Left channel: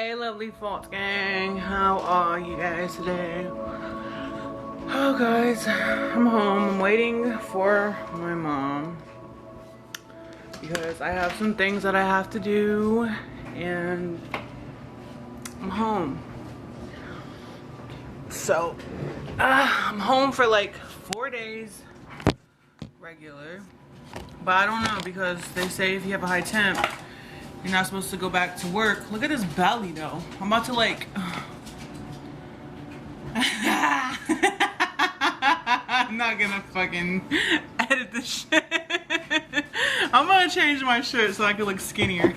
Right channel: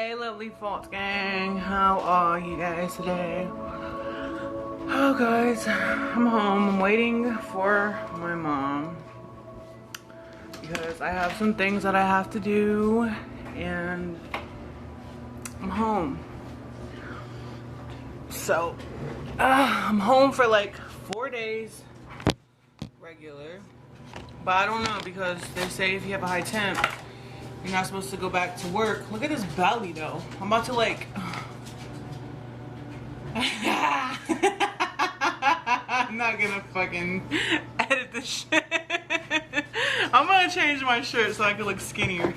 Hey lovely Fault Gang, how are you guys today? Oh guys, I'm home. I'm waiting for my mom because I have some things that I have to do and I'm home. So I'm home for like 4 days regular, but I don't know because they say if you have a high temp you're not supposed to go back to work. Look at his belly though. I'm about to like I'm not gonna fucking edit this shit. I'm gonna change my shirt so I can look skinnier.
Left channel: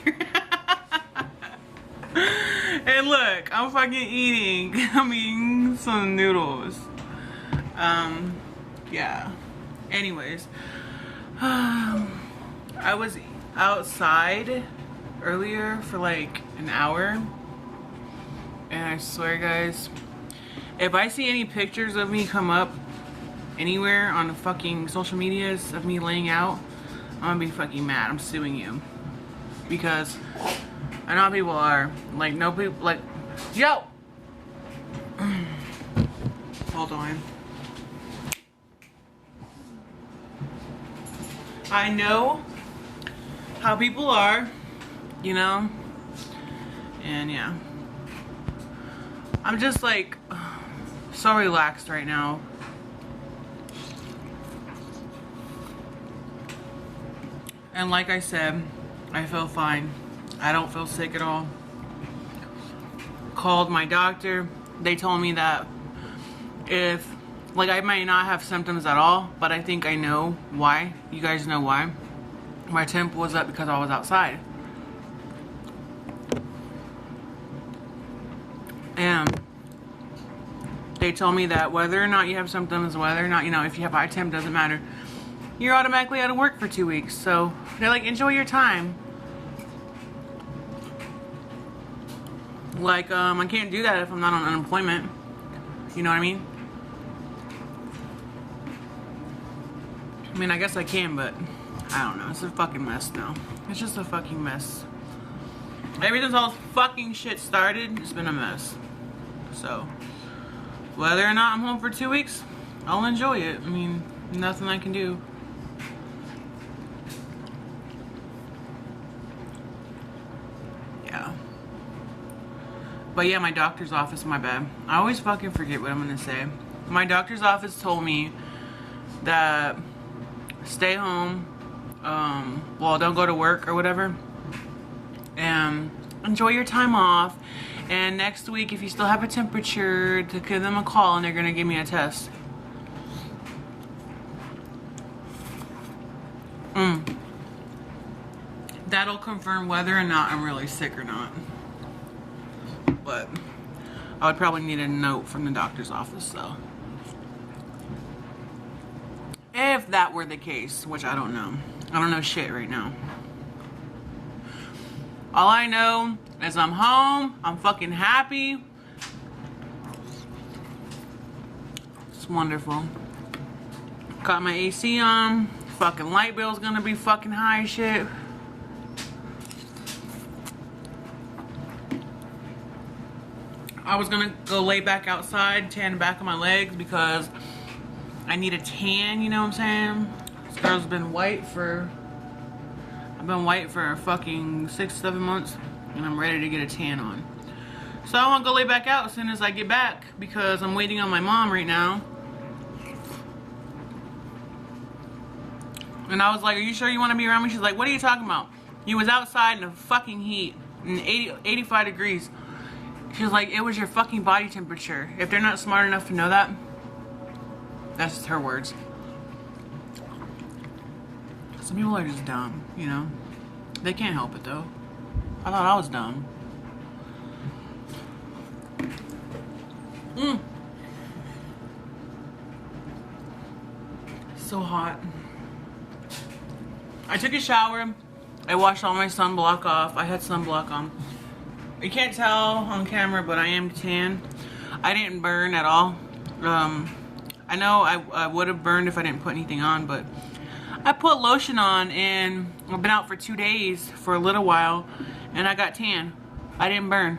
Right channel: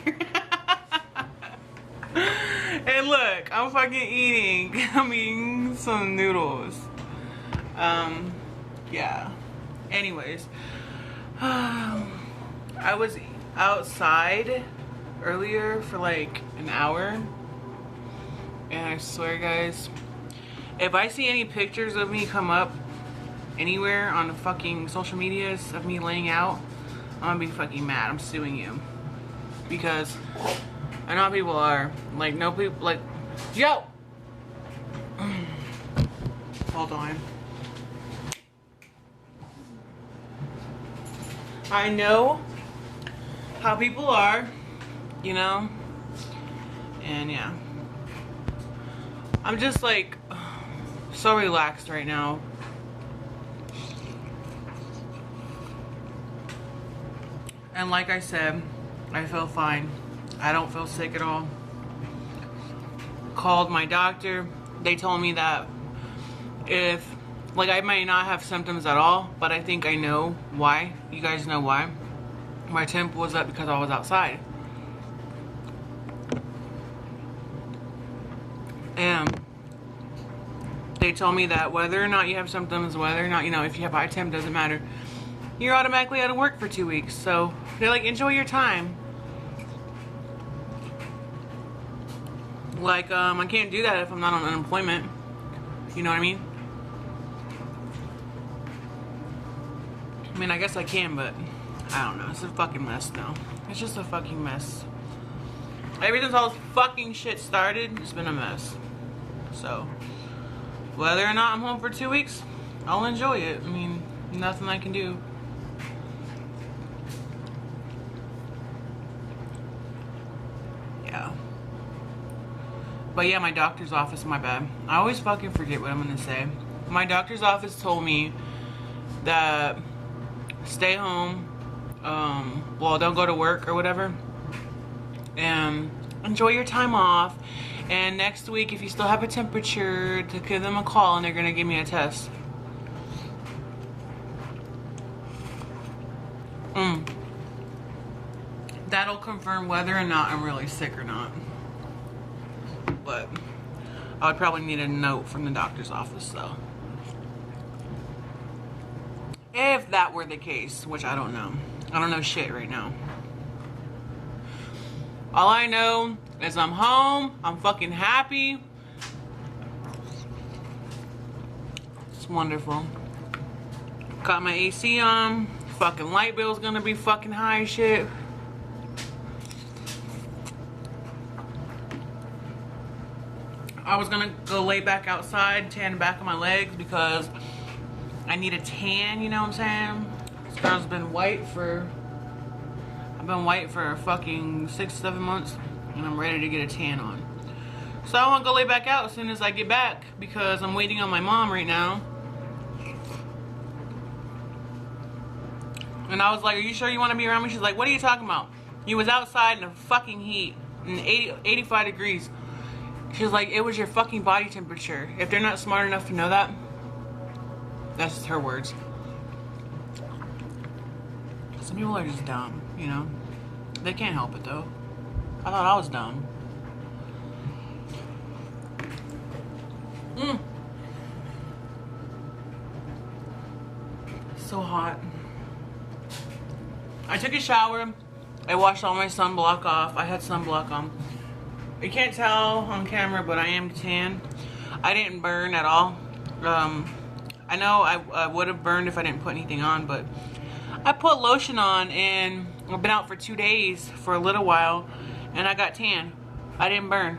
And look, I'm fucking eating, some noodles. Yeah. Anyways, I was outside earlier for like an hour, and I swear guys, if I see any pictures of me come up anywhere on the fucking social medias of me laying out, I'm gonna be fucking mad. I'm suing you. Because I know people are like, no people like, yo, hold on. I know how people are, you know, and yeah, I'm just like so relaxed right now. And like I said, I feel fine. I don't feel sick at all. Called my doctor. They told me that if, like, I might not have symptoms at all, but I think I know why. You guys know why. My temp was up because I was outside. And they told me that whether or not you have symptoms, whether or not, you know, if you have high temp, doesn't matter. You're automatically out of work for 2 weeks. So they're like, enjoy your time. Like, I can't do that if I'm not on unemployment. You know what I mean? I mean, I guess I can, but I don't know. It's a fucking mess now. It's just a fucking mess. Ever since all this fucking shit started, it's been a mess. So, whether or not I'm home for 2 weeks, I'll enjoy it. I mean, nothing I can do. Yeah. But yeah, my doctor's office, my bad. I always fucking forget what I'm gonna say. My doctor's office told me that stay home, well, don't go to work or whatever, and enjoy your time off. And next week, if you still have a temperature, to give them a call and they're gonna give me a test. That'll confirm whether or not I'm really sick or not. But I would probably need a note from the doctor's office, so. If that were the case, which I don't know. I don't know shit right now. All I know is I'm home. I'm fucking happy. It's wonderful. Got my AC on. Fucking light bill's gonna be fucking high as shit. I was gonna go lay back outside, tan the back of my legs because I need a tan, you know what I'm saying? This girl's been white for, I've been white for fucking 6-7 months, and I'm ready to get a tan on. So I wanna go lay back out as soon as I get back because I'm waiting on my mom right now. And I was like, are you sure you wanna be around me? She's like, what are you talking about? You was outside in the fucking heat, in 85 degrees. She was like, it was your fucking body temperature. If they're not smart enough to know that, that's just her words. Some people are just dumb, you know? They can't help it though. I thought I was dumb. So hot. I took a shower. I washed all my sunblock off. I had sunblock on. You can't tell on camera, but I am tan. I didn't burn at all. I know I would have burned if I didn't put anything on, but I put lotion on and I've been out for 2 days for a little while and I got tan. I didn't burn.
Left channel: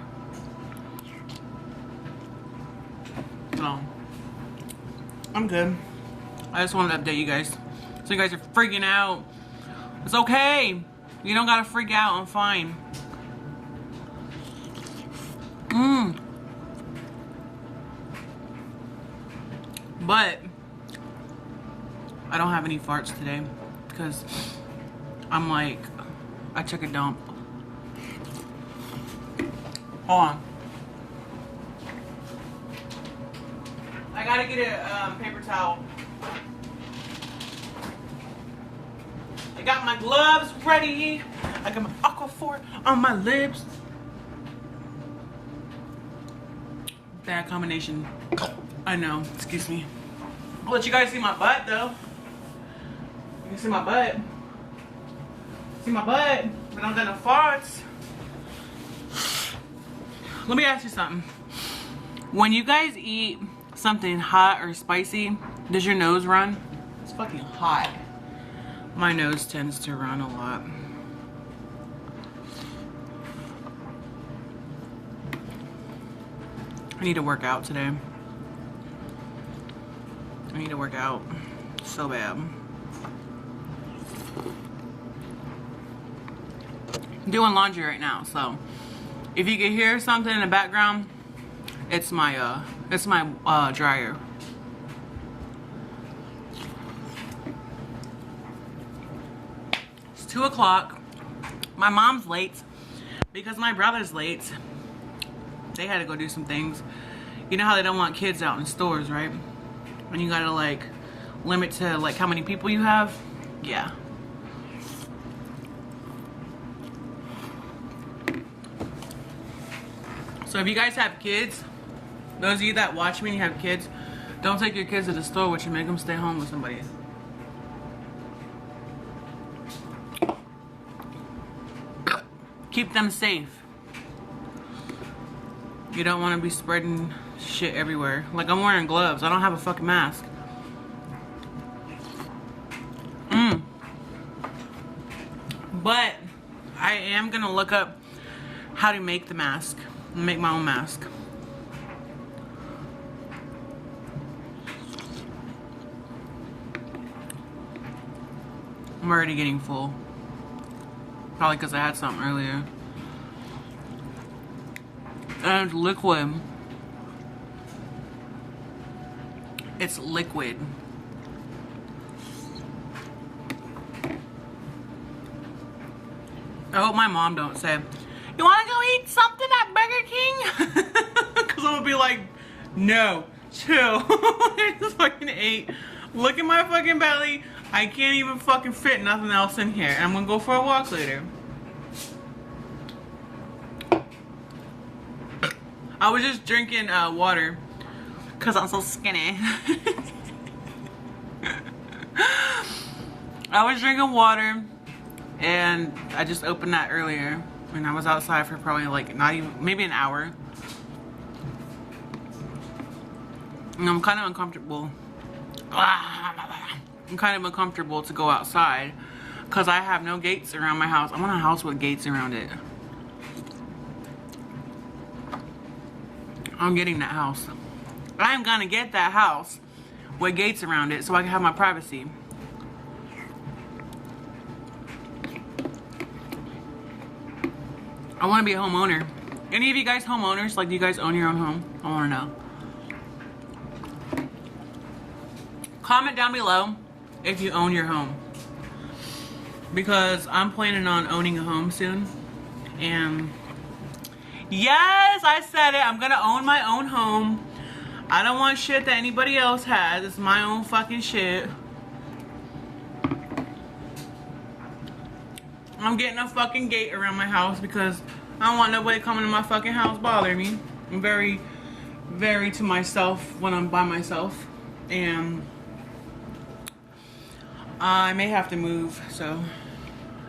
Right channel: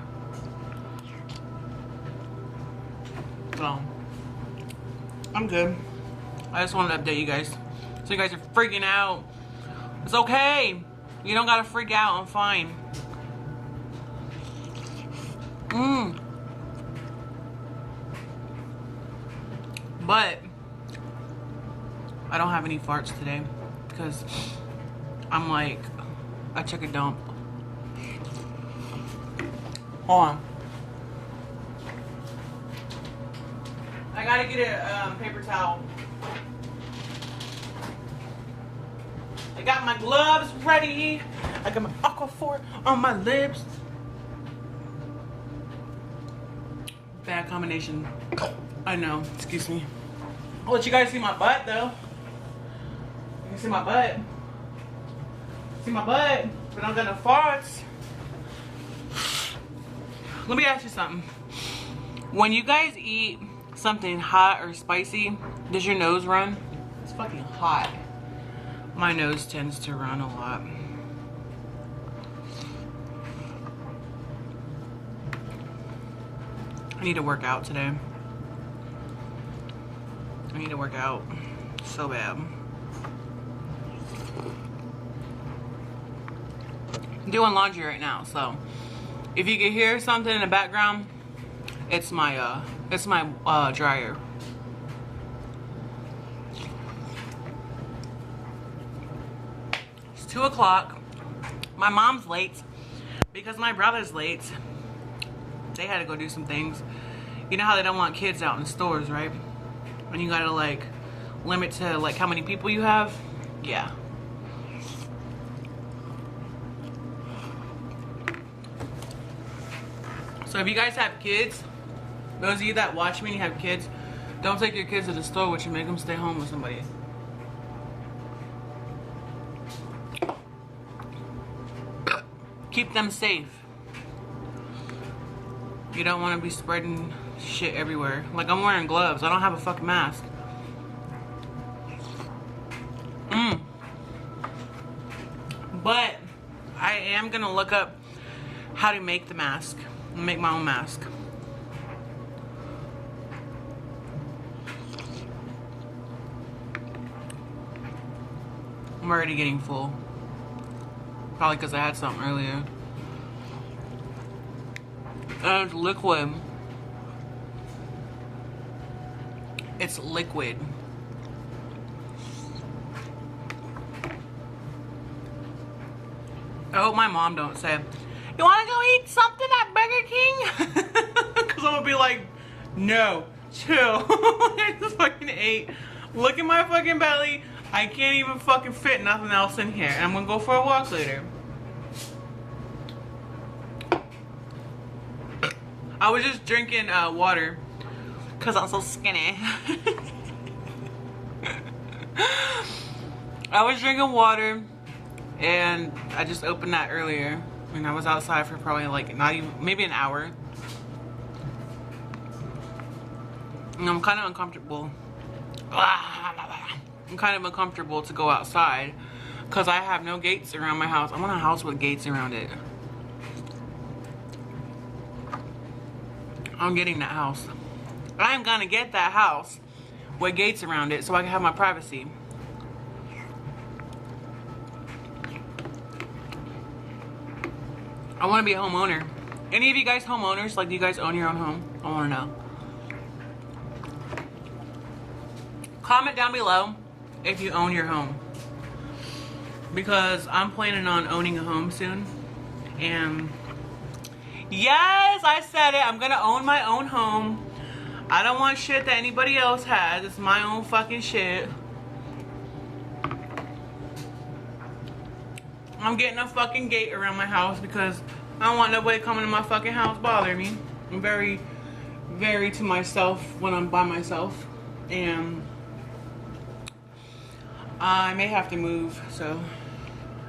So I'm good. I just wanted to update you guys. So you guys are freaking out. It's okay. You don't gotta freak out. I'm fine. But I don't have any farts today because I'm like, I took a dump. Hold on. I gotta get a paper towel. I got my gloves ready. I got my Aquaphor on my lips. Bad combination. I know. Excuse me. I'll let you guys see my butt though. You can see my butt. See my butt. But I don't got no farts. Let me ask you something. When you guys eat something hot or spicy, does your nose run? It's fucking hot. My nose tends to run a lot. I need to work out today. I need to work out so bad. I'm doing laundry right now, so if you can hear something in the background, it's my dryer. It's 2 o'clock. My mom's late because my brother's late. They had to go do some things. You know how they don't want kids out in stores, right? And you gotta like limit to like how many people you have. Yeah. So if you guys have kids, those of you that watch me and you have kids, don't take your kids to the store with you. Make them stay home with somebody. Keep them safe. You don't want to be spreading shit everywhere. Like I'm wearing gloves. I don't have a fucking mask. But I am gonna look up how to make the mask. Make my own mask. I'm already getting full. Probably because I had something earlier. And liquid. It's liquid. I hope my mom don't say, you want to go eat something at Burger King? Because I'm going to be like, no, chill. I just fucking ate. Look at my fucking belly. I can't even fucking fit nothing else in here. I'm going to go for a walk later. I was just drinking water because I'm so skinny. I was drinking water and I just opened that earlier. And I was outside for probably like not even, maybe an hour. And I'm kind of uncomfortable. I'm kind of uncomfortable to go outside because I have no gates around my house. I want a house with gates around it. I'm getting that house. I'm gonna get that house with gates around it so I can have my privacy. I want to be a homeowner. Any of you guys homeowners? Like, do you guys own your own home? I want to know. Comment down below if you own your home. Because I'm planning on owning a home soon. And yes, I said it. I'm going to own my own home. I don't want shit that anybody else has. It's my own fucking shit. I'm getting a fucking gate around my house because I don't want nobody coming to my fucking house bothering me. I'm very, very to myself when I'm by myself. And I may have to move. So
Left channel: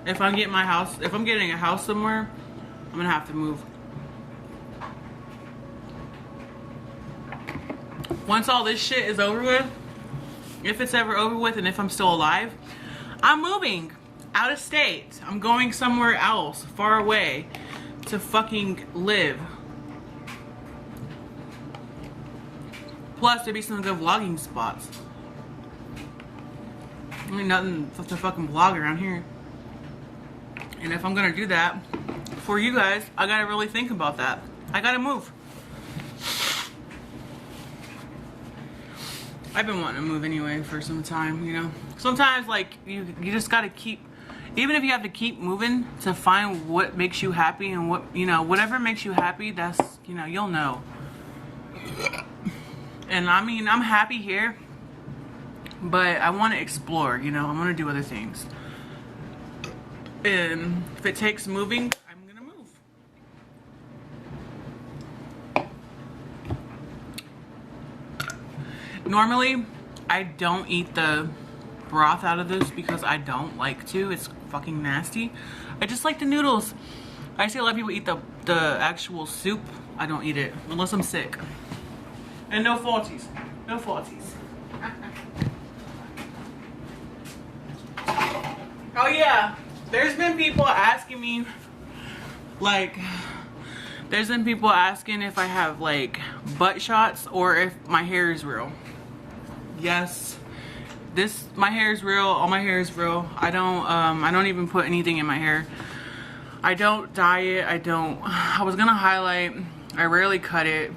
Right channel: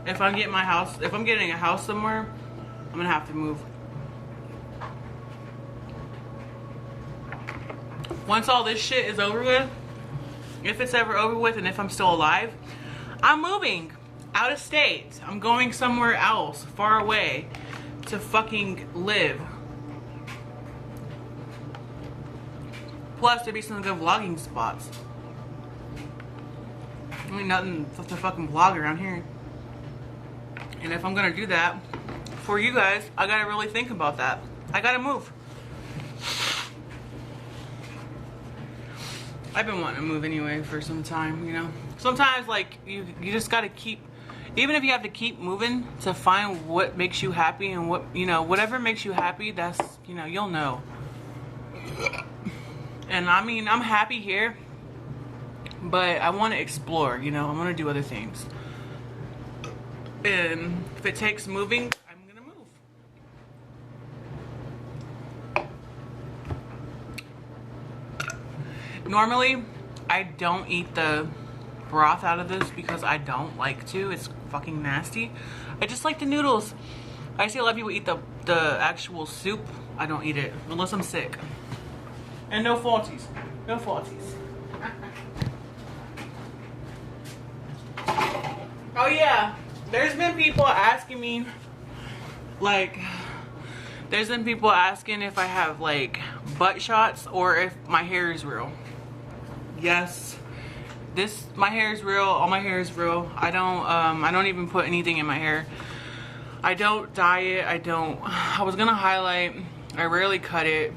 if I'm getting my house, if I'm getting a house somewhere, I'm gonna have to move. Once all this shit is over with, if it's ever over with and if I'm still alive, I'm moving out of state. I'm going somewhere else, far away, to fucking live. Plus, there'd be some good vlogging spots. I mean, nothing to fucking vlog around here. And if I'm gonna do that for you guys, I gotta really think about that. I gotta move. I've been wanting to move anyway for some time, you know. Sometimes, like, you just gotta keep, even if you have to keep moving to find what makes you happy and what, you know, whatever makes you happy, that's, you know, you'll know. And I mean, I'm happy here, but I want to explore, you know, I want to do other things. And if it takes moving, I'm gonna move. Normally, I don't eat the broth out of this because I don't like to. It's fucking nasty. I just like the noodles. I see a lot of people eat the actual soup. I don't eat it unless I'm sick. And no faulties. No faulties. Oh yeah. There's been people asking me, like, there's been people asking if I have, like, butt shots or if my hair is real. Yes, my hair is real. All my hair is real. I don't even put anything in my hair. I don't dye it. I was gonna highlight. I rarely cut it.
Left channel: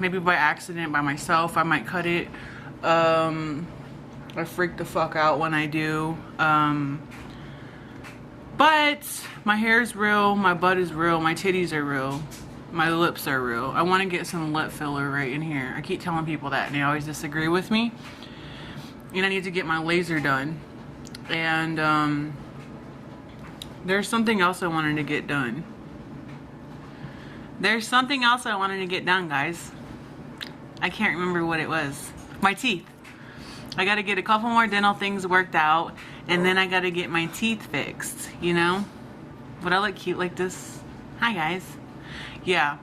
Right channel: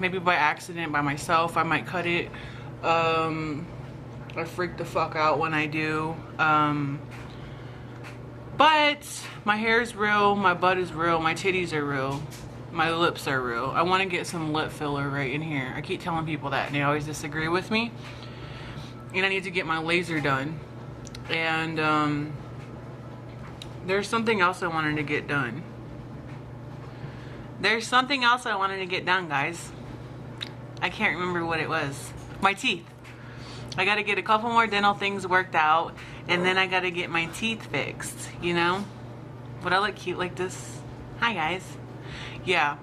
Maybe by accident, by myself, I might cut it. I freak the fuck out when I do. But my hair is real, my butt is real, my titties are real, my lips are real. I want to get some lip filler right in here. I keep telling people that and they always disagree with me. And I need to get my laser done. And there's something else I wanted to get done. There's something else I wanted to get done, guys. I can't remember what it was. My teeth. I gotta get a couple more dental things worked out, and then I gotta get my teeth fixed, you know? Would I look cute like this? Hi, guys. Yeah.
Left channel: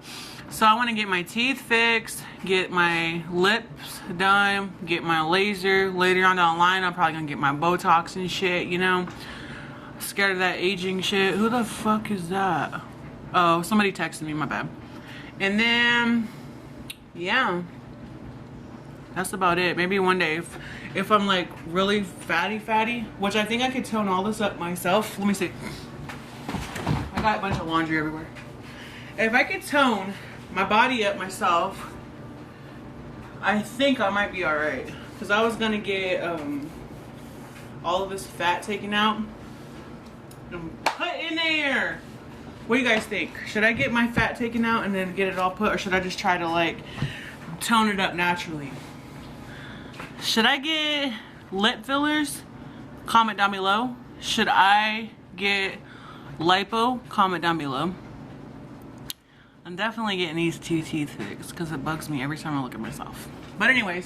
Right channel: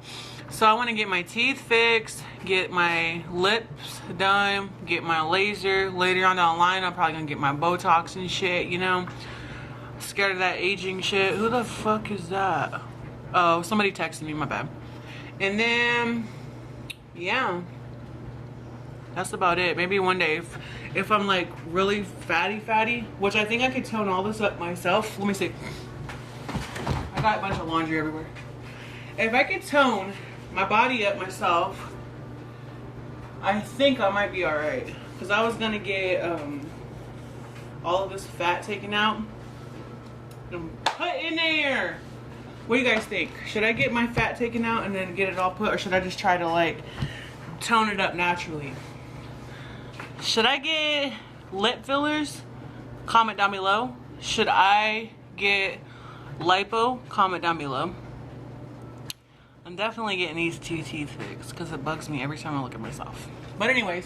So I want to get my teeth fixed, get my lips done, get my laser. Later on down the line, I'm probably gonna get my Botox and shit, you know? Scared of that aging shit. Who the fuck is that? Oh, somebody texted me, my bad. And then, yeah. That's about it. Maybe one day, if I'm like really fatty, which I think I could tone all this up myself. Let me see. I got a bunch of laundry everywhere. If I could tone my body up myself, I think I might be alright. Because I was going to get all of this fat taken out and put in there. What do you guys think? Should I get my fat taken out and then get it all put, or should I just try to like tone it up naturally? Should I get lip fillers? Comment down below. Should I get lipo? Comment down below. I'm definitely getting these 2 teeth fixed because it bugs me every time I look at myself. But anyways,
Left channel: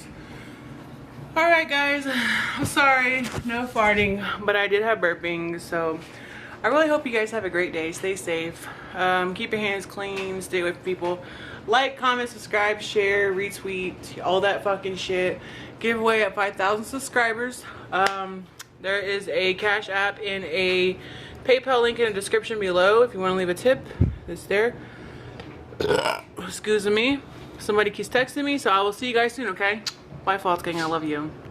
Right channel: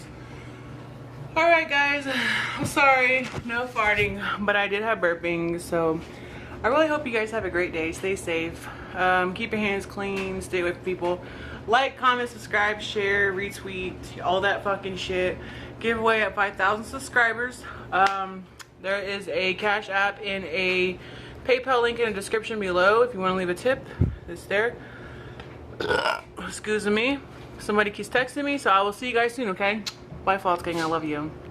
alright guys, I'm sorry, no farting, but I did have burping, so I really hope you guys have a great day. Stay safe. Keep your hands clean. Stay with people. Like, comment, subscribe, share, retweet, all that fucking shit. Giveaway at 5,000 subscribers. There is a Cash App and a PayPal link in the description below if you want to leave a tip. It's there. Excuse me. Somebody keeps texting me, so I will see you guys soon, okay? Bye, False Gang. I love you.